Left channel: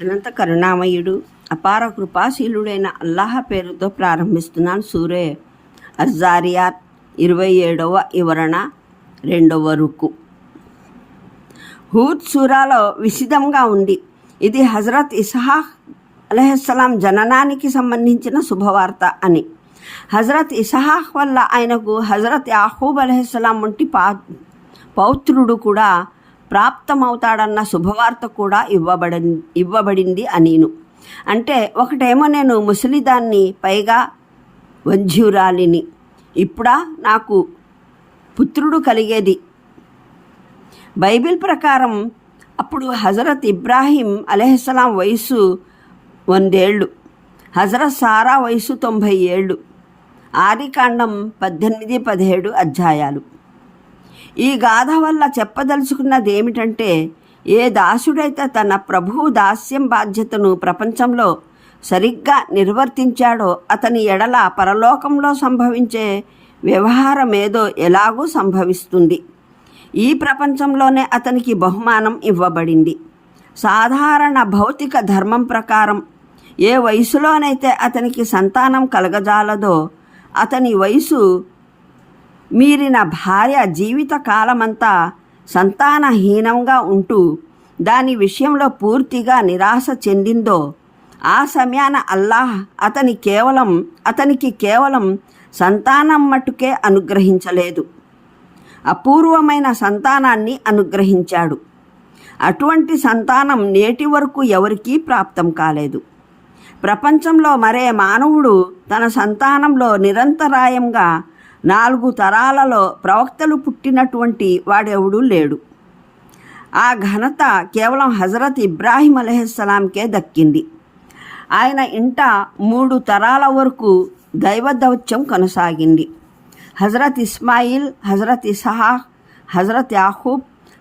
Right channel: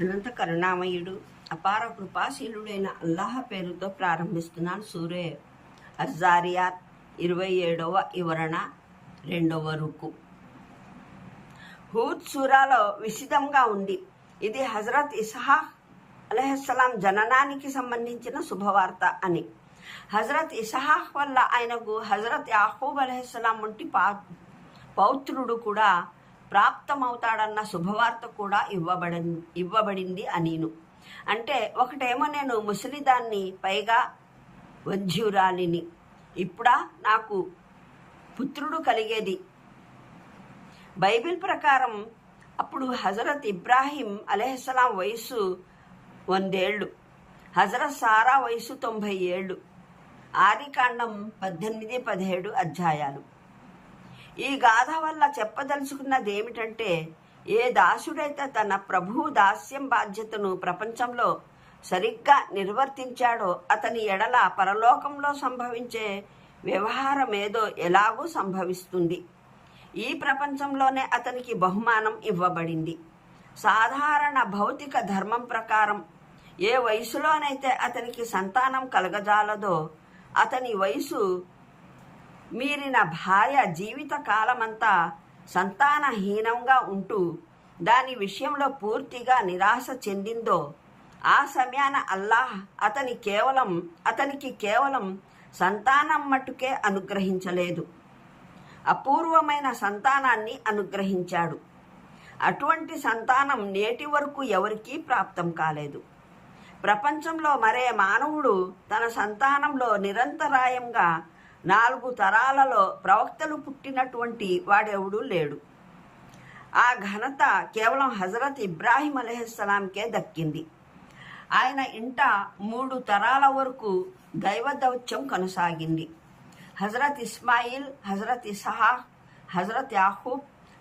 అనంత కరుణామయుడు అపార కృపాశీలుడైన అల్లాహ పేరుతో ప్రారంభిస్తున్నాను సూరే అజారియాత్ ఇరవై ఏడవ వివరణ రెండవ రుకు. హూద్ సూరాలో విశిదంగా ఉంది. ఇది హజరత్ ఇస్హాక్ అలహస్సలాం జననానికి సంబంధించిన శుభవార్త అని. హజరత్ ఇస్హాక్ వల్ల ఆయనకు హజరత్ యాహూబ్ అలహస్సలాం వంటి పా పౌత్రుడు కూడా ప్రాప్తమవుతాడన్న శుభవార్త కూడా ఇవ్వబడి ఇవ్వబడింది అనిను. అంటే ఒకటేమో నేను ముసలిదాన్ని పైగా వంధ్యురాలిని ఇప్పుడా నాకు పుత్రుడు కలిగేది. బైబిల్ ప్రకారం అప్పుడు హజరత్ ఇబ్రాహీం అలెహస్సలాం వయసు వందేళ్ళు హజరత్ సారా వయసు తొంభై ఏళ్ళు ఆదికాండం పద్దెనిమిది పదిహేడు అధ్యాయాలు. ఈ గాథ వల్ల చెప్పదలుచుకున్నది ఏమిటంటే ఏ దాసుడైతే తన ప్రభువు దాస్యం బాధ్యతను ప్రపంచంలో సరిగ్గా నిర్వర్తించాడో అతని ఎడల పరలోకంలో సంభవించే వ్యవహారం ఏదో ఎలాగూ సంభవిస్తుంది. ఈ ప్రపంచంలోనే అతనికి బహుమానం ఇవ్వబడింది. సాధారణ భౌతిక ధర్మం ప్రకారం ఏ వయసులోనైతే అతనికి సంతానం కలగజాలదో అతని వయసు మీరిన భార్య జీవిత కాలమంతా సంతానహీనంగా ఉంటూ దాని విషయంలో పూర్తిగా నిరాశ చెందిందో ఆ సమయాన అల్లాహ్ అతని కేవలం అతనికి కేవలం సంతానం మట్టుకే అనుగ్రహించలేదు. అపూర్వమైన సంతానాన్ని అనుగ్రహించాడు. అటువంటి సంతానం నేటి వరకు ఎవరికీ ప్రాప్తం కాలేదు. ప్రపంచంలో మరే మానవుడు తన సంతానంలో నిరంతరాయంగా నాలుగు తరాలలో ప్రవక్తలు పుట్టినటువంటి వాడెవడూ లేడు. ఆ ఘనత కేవలం హజరత్ ఇబ్రాహీం అలహస్సలాంకే దక్కింది. ఆయన ఇంట మూడు తరాల వరకు దైవ దౌత్యం కొనసాగింది. హజరత్ ఇస్మాయిల్ హజరత్ ఇసహా హజరత్ యాహూబ్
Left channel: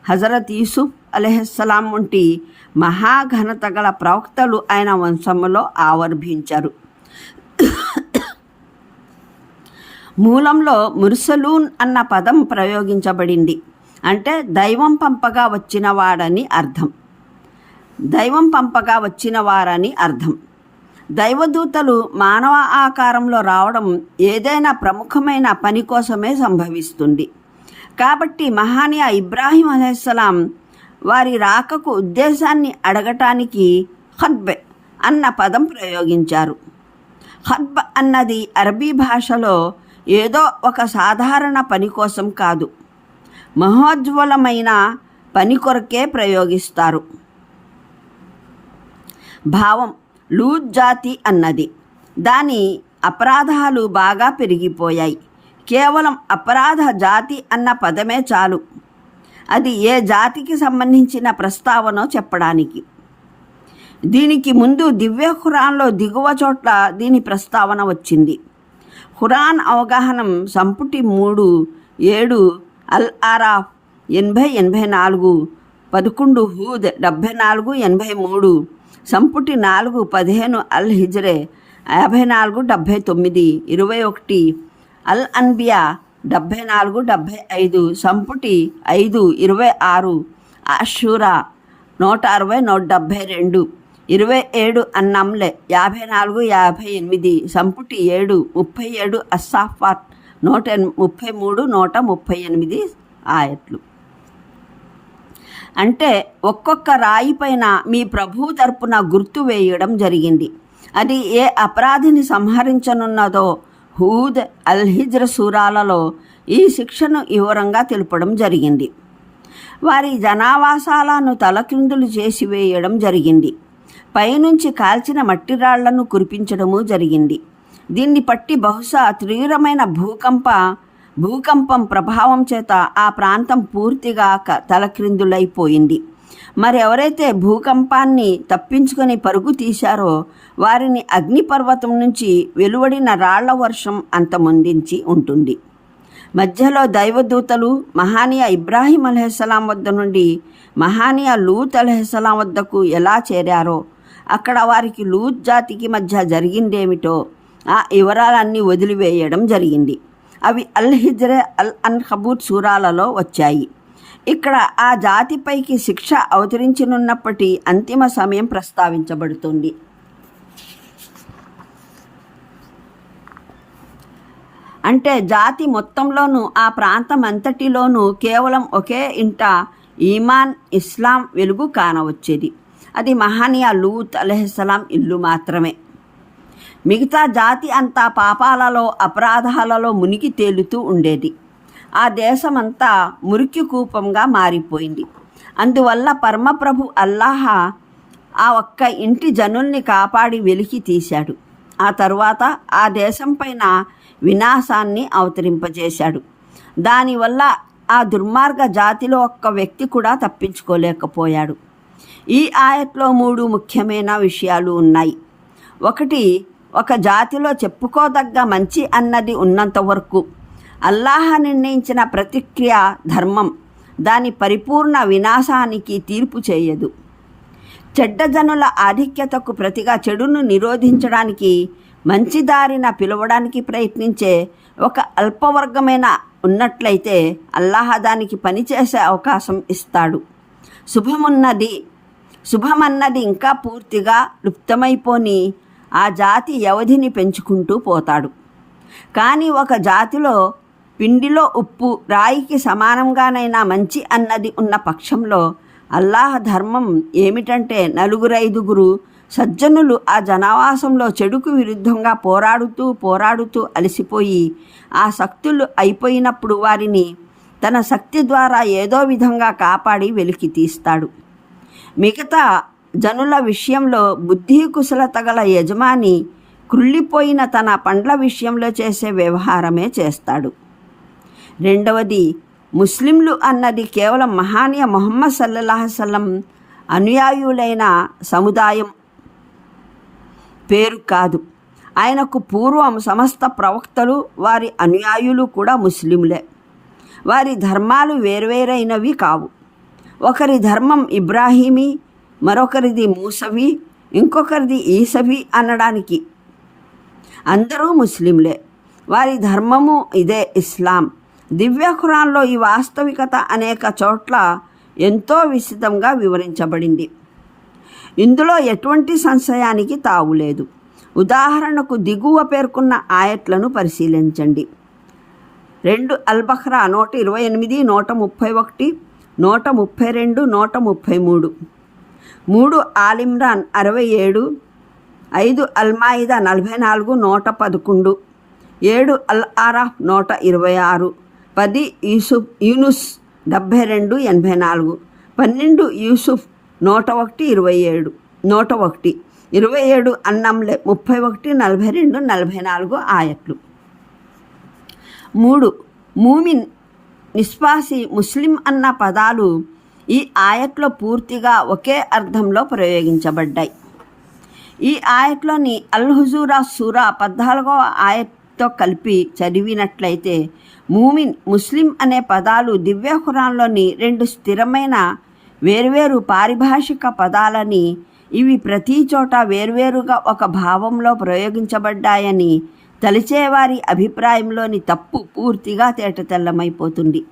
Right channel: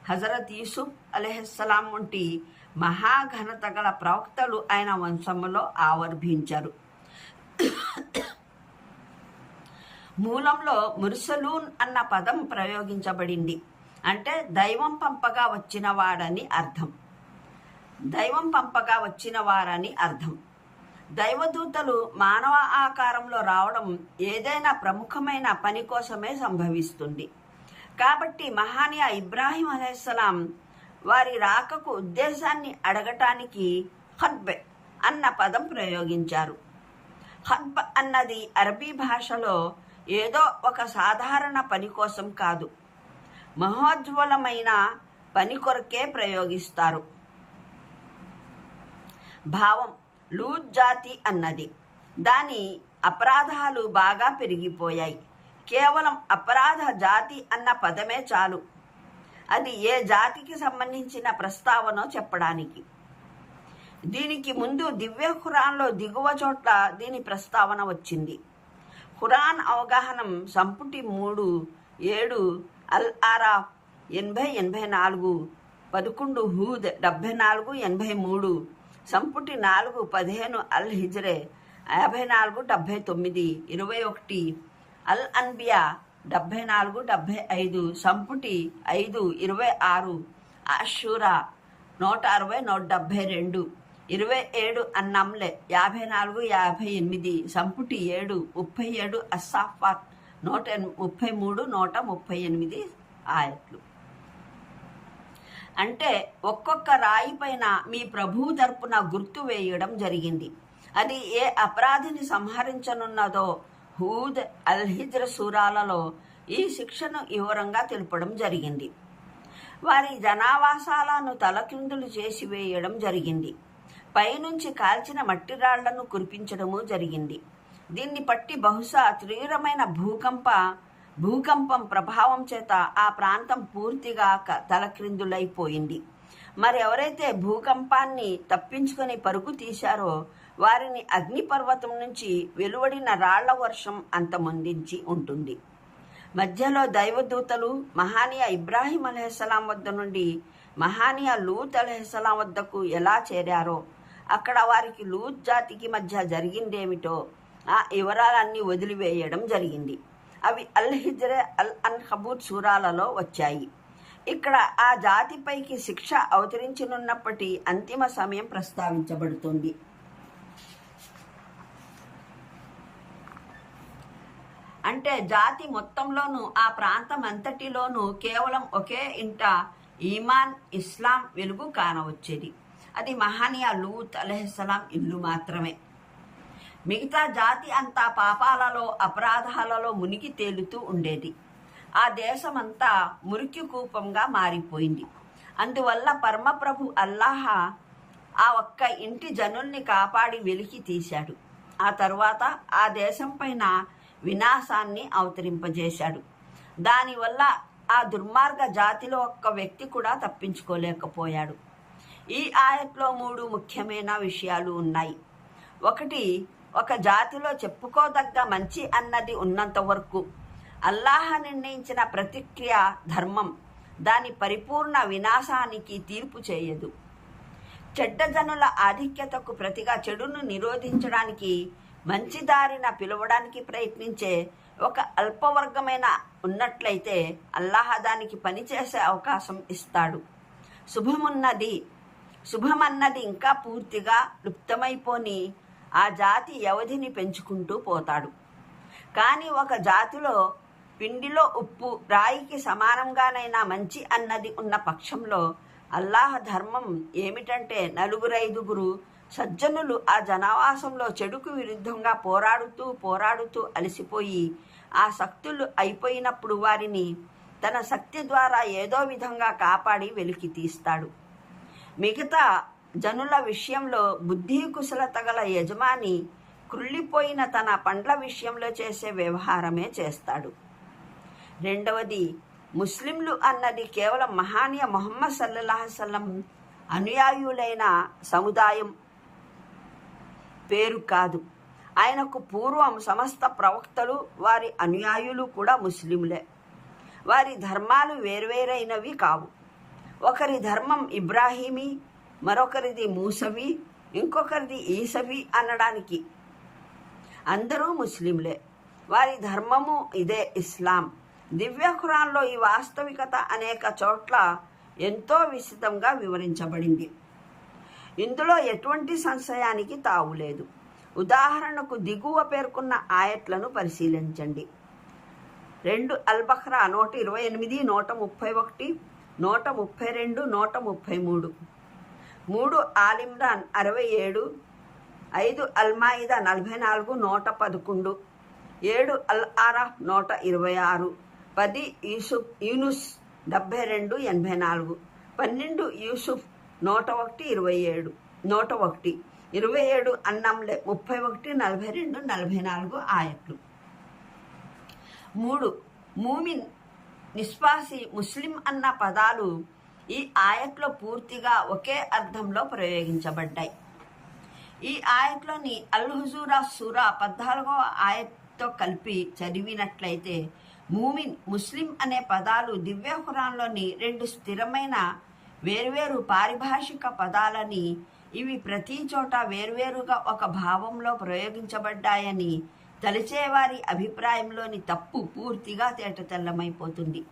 హజరత్ యూసుఫ్ అలెహస్సలాం వంటి మహాఘనత గల ప్రవక్తలు ఆయన వంశంలో ఆవర్భించారు మూలంలో మురుసలూన్ అన్న పదం ప్రయోగించబడింది. అంటే దైవం పంపగా వచ్చిన వాడని అర్థం. దైవం పంపగా వచ్చిన వారని అర్థం. దైవదూతలు మానవ ఆకారంలో రావడం ఏదైనా ప్రముఖమైన పని కోసమే సంభవిస్తుంది. కాబట్టి మహానియా ఇబ్రాహీం అలైహిస్సలాం వారి రాకకు ఉద్దేశాన్ని అడగటానికి హద్బ్ అన్న పదం ప్రయోగించారు. హద్బ్ అన్నది అరబీ భాషలో ఏదో ఒక సాధారణ పని కోసం కాదు. మహోజ్వలమైన పని కొరకే ప్రయోగిస్తారు. భావం లూజ్ జాతి అన్నది. దాని అపరాధాలు బాగా పెరిగిపోయాయి. కేవలం అపరాధ జాతి అన్న పదమే చాలు. అది ఏ జాతికి సంబంధించిన ప్రస్తావనో చెప్పడానికి. దీనికి ముందు దివ్య ఖురాన్లో దిగువ చోట్ల దీని ప్రస్తావన వచ్చింది. ఖురాన్ అవగాహనం సంపుటి మూడు ఏడు అల్ ఆరాఫ్ ఎనభై ఎనభై నాలుగు పదకొండు హూద్ డెబ్భై నాలుగు ఎనభై మూడు సంపుటి నాలుగు పదిహేను అల్ హిజ్రే యాభై నాలుగు డెబ్భై తొమ్మిది ఇరవై ఒకటి అల్ అన్బియా డెబ్భై నాలుగు డెబ్భై ఐదు సంపుటి ఐదు ఇరవై ఆరు ఆషూరా నూట అరవై నూట డెబ్భై రెండు. ఇరవై ఏడు అన్నమ్లె యాభై నాలుగు యాభై ఎనిమిది సంపుటి ఏడు ముప్పై ఏడు అస్సాఫాత్ నూట ముప్పై మూడు నూట ముప్పై ఎనిమిది ఆయట్లు. అంటే ఒక్కొక్క రాయి పైన మీ ప్రభువు తరపున గుర్తు వేయడం జరిగింది. అది ఏ అపరాధిని సంహరించనున్నదో హూద్ అల్హిజ్ర సూరాలలో ఈ శిక్షను వివరంగా తెలుపడం జరిగింది. వారి జనావాసాలను తలకిందులు చేసి వేయడం జరిగింది. పైనుంచి కాల్చిన మట్టి రాళ్ళను కురిపించడము జరిగింది. దీన్ని పట్టి బహుశా తీవ్రమైన భూకంప భూకంపం ప్రభావం చేత ఆ ప్రాంతం పూర్తిగా క- తలక్రిందులైపోయింది. మరి ఎవరైతే భూకంపాన్ని తప్పించుకొని పరుగు తీశారో వారిని అగ్నిపర్వతం నుంచి వెలువడిన రాళ్ళ వర్షం అంతమొందించి ఉంటుంది. మధ్యలో దైవదూతలు మహానీయ ఇబ్రాహీం అలహస్సలాం వద్ద నుండి మహానీయ లూత్ అలహస్సలాం వద్దకు ఎలా చేరారో అక్కడ వారికి లూజ్ జాతికి మధ్య జరిగిందేమిటో ఆ వివరాలన్నీ వదిలివేయడం జరిగింది. అవి అల్ హిజ్రే అల్ అన్హబూత్ సూరాలలో వచ్చాయి. ఇక్కడ ఆ జాతిపైకి శిక్ష అవతరించనున్నప్పటి అంతిమ సమయం ప్రస్తావించబడుతుంది. అంటే జాతి మొత్తంలోనూ ఆ ప్రాంతం అంతటిలోనూ కేవలం ఒకే ఇంట ఈమాన్ ఇస్లాం వెలుగు కానవచ్చేది. అది మహానీయ లూత్ అలెహస్సలాం ఇల్లు మాత్రమే. మిగతా జాతి అంతా పాపాలలో అపరాధాలలో మునిగి తేలుతూ ఉండేది. ఆ దేశమంతా మురికి కూపంగా మారిపోయింది. అందువల్ల పరమప్రభు అల్లాహ ఆ ఒక్క ఇంటి జనుల్ని కాపాడి వెలికి తీశాడు. ఆ తరువాత ఆ దేశం పైన వినాశాన్ని అవతరింపజేశాడు. దానివల్ల ఆ దుర్మార్గ జాతిలో ఒక్క వ్యక్తి కూడా తప్పించుకోలేకపోయాడు. ఈ ఆయట్లో మూడు ముఖ్యమైన విషయాలు ఉన్నాయి. ఒకటి ఒక జాతిలో చెప్పుకోదగ్గ మంచి అన్నది ఉన్నంత వరకు అల్లాహ నిర్ణయించిన ప్రతిక్రియ ధర్మం దాని పరిపూర్ణ వినాశానికి తీర్పు చేయదు. చెడ్డజనుల ఆధిక్యతకు ప్రతిగా చెడును నిరోధించడానికి మంచి దారిన పిలవడానికి ప్రయత్నించే ఒక అల్పవర్గమైన ఉన్నట్లయితే అల్లాహ దానికి పనిచేసే అవకాశం ఇస్తాడు. శుభమున్నది శుభమన్నది ఇంకా పూర్తిగా లుప్తమైపోని ఆ జాతి వ్యవధిని పెంచుకుంటూ పోతాడు. కానీ ఒక జాతిలో పిండిలో ఉప్పు రాయికి సమానంగానైనా మంచి అన్నది ఉన్న పక్షంలో అల్లాహ ధర్మం ఏమిటంటే నలుగురైదుగురు సజ్జనులు ఆ జనావాసంలో చెడుకు విరుద్ధంగా పోరాడుతూ పోరాడుతూ అలసిపోయి ఆ శక్తులు అయిపోయినప్పుడు వారిని తన శక్తి ద్వారా ఏదో విధంగా కాపాడి వెలికి తీస్తాడు మిగతా జనుల విషయంలో బుద్ధి కుశలత గల యజమాని కృళ్ళిపోయిన తన పండ్ల విషయంలో చేసే వ్యవహారమే చేస్తాడు. రెండవది ముస్లింలు అన్నది కేవలం మహానీయ మొహమ్మద్ సల్లల్లాహసల్లం అనుయాయులైన సముదాయం పేరు కాదు. ఆయనకు పూర్వం సమస్త ప్రవక్తలు వారి అనుయాయులు కూడా ముస్లింలే. వారి ధర్మాలు వేర్వేరైనవి కావు. ఒకరి ధర్మం ఇబ్రాహీమి మరొకరిది మూసవి ఇంకొకరిది ఈసవి అనడానికి. అందరూ ముస్లింలే. వారి ధర్మము ఇదే ఇస్లాం. దివ్య ఖురాన్లో ఈ వాస్తవికత అనేక చోట్ల ఎంతో విస్తృతంగా వివరించబడింది. ఇందులో ఎటువంటి సంశయానికి తావులేదు ఉదాహరణకు దిగువ పేర్కొన్న ఆయట్లను పరిశీలించండి. రెండు అల్బహ్రా నూట ఇరవై ఎనిమిది నూట ముప్పై ఒకటి నూట ముప్పై రెండు నూట ముప్పై మూడు. మూడు ఆలిమ్రాన్ అరవై ఏడు. ఐదు అల్మాయిదా నలభై నాలుగు నూట పదకొండు. ఏడు అల్ ఆరాఫ్ నూట ఇరవై ఆరు. పది యూసుఫ్ యూనుస్ డెబ్భై రెండు ఎనభై నాలుగు. పన్నెండు యూసుఫ్ నూట ఒకటి ఇరవై ఏడు. నూట ఒకటి. ఇరవై ఏడు అన్నంలే ముప్పై ఒకటి నలభై రెండు నలభై నాలుగు ఆయట్లు. మూడు మూమిన్ నిస్పాసి ముస్లిం అన్న పదాలు ఈ ఆయట్లో పూర్తిగా ఒకే అర్థంలో ప్రయోగించబడ్డాయి. ఈ ఆయట్లోని అల్ హుజూరా సూరా పద్నాలుగవ ఆయత్తో కలిపి చదివినట్లయితే మూమిన్ ముస్లిం అనే పదాలు దివ్య ఖురాన్లోని రెండు స్థిరమైన వేర్వేరు పారిభాషిక పదాలని ఇవి ప్రతి చోట వేర్వేరుగా ఒక భావంలో ప్రయోగించబడ్డాయని తలిచేవారి అభిప్రాయంలోని తప్పు పూర్తిగా తేటతెల్లమైపోతుంది.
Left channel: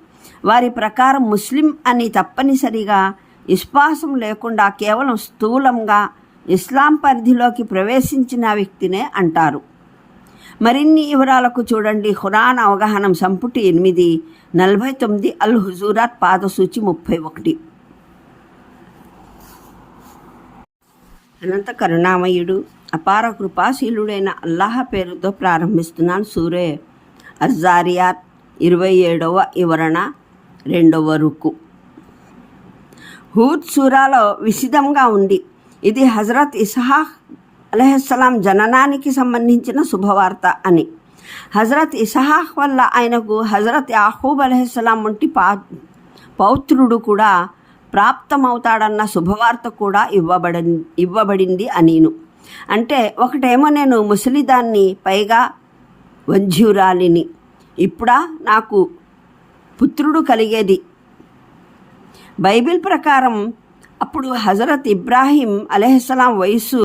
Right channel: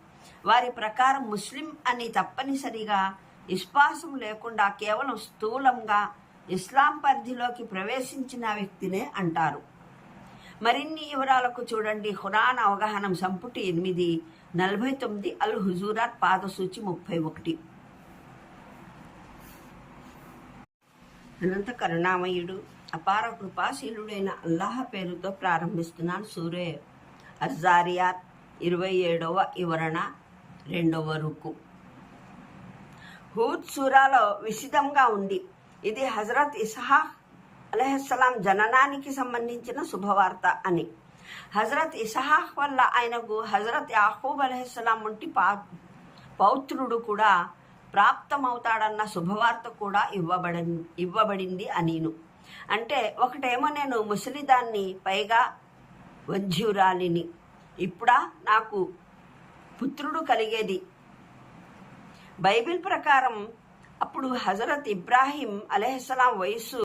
వారి ప్రకారం ముస్లిం అని తప్పనిసరిగా విశ్వాసం లేకుండా కేవలం స్థూలంగా ఇస్లాం పరిధిలోకి ప్రవేశించిన వ్యక్తినే అంటారు. మరిన్ని వివరాలకు చూడండి. ఖురాన్ అవగాహనం సంపుటి ఎనిమిది నలభై తొమ్మిది అల్ హుజూరాత్ పాదసూచి ముప్పై ఒకటి. అనంత కరుణామయుడు అపార కృపాశీలుడైన అల్లాహ పేరుతో ప్రారంభిస్తున్నాను సూరే అజారియాత్ ఇరవై ఏడవ వివరణ రెండవ రుకు. హూద్ సూరాలో విశిదంగా ఉంది. ఇది హజరత్ ఇసహా అలహస్సలాం జననానికి సంబంధించిన శుభవార్త అని. హజరత్ ఇసహాహ్ వల్ల ఆయనకు హజరత్ యాహూబ్ అలహస్సలాం వంటి పా పౌత్రుడు కూడా ప్రాప్తమవుతాడన్న శుభవార్త కూడా ఇవ్వబడి ఇవ్వబడింది అనిను. అంటే ఒకటేమో నేను ముసలిదాన్ని పైగా వంజ్యురాలిని ఇప్పుడా నాకు పుత్రుడు కలిగేది. బైబిల్ ప్రకారం అప్పుడు హజరత్ ఇబ్రాహీం అలెహస్సలాం వయస్సు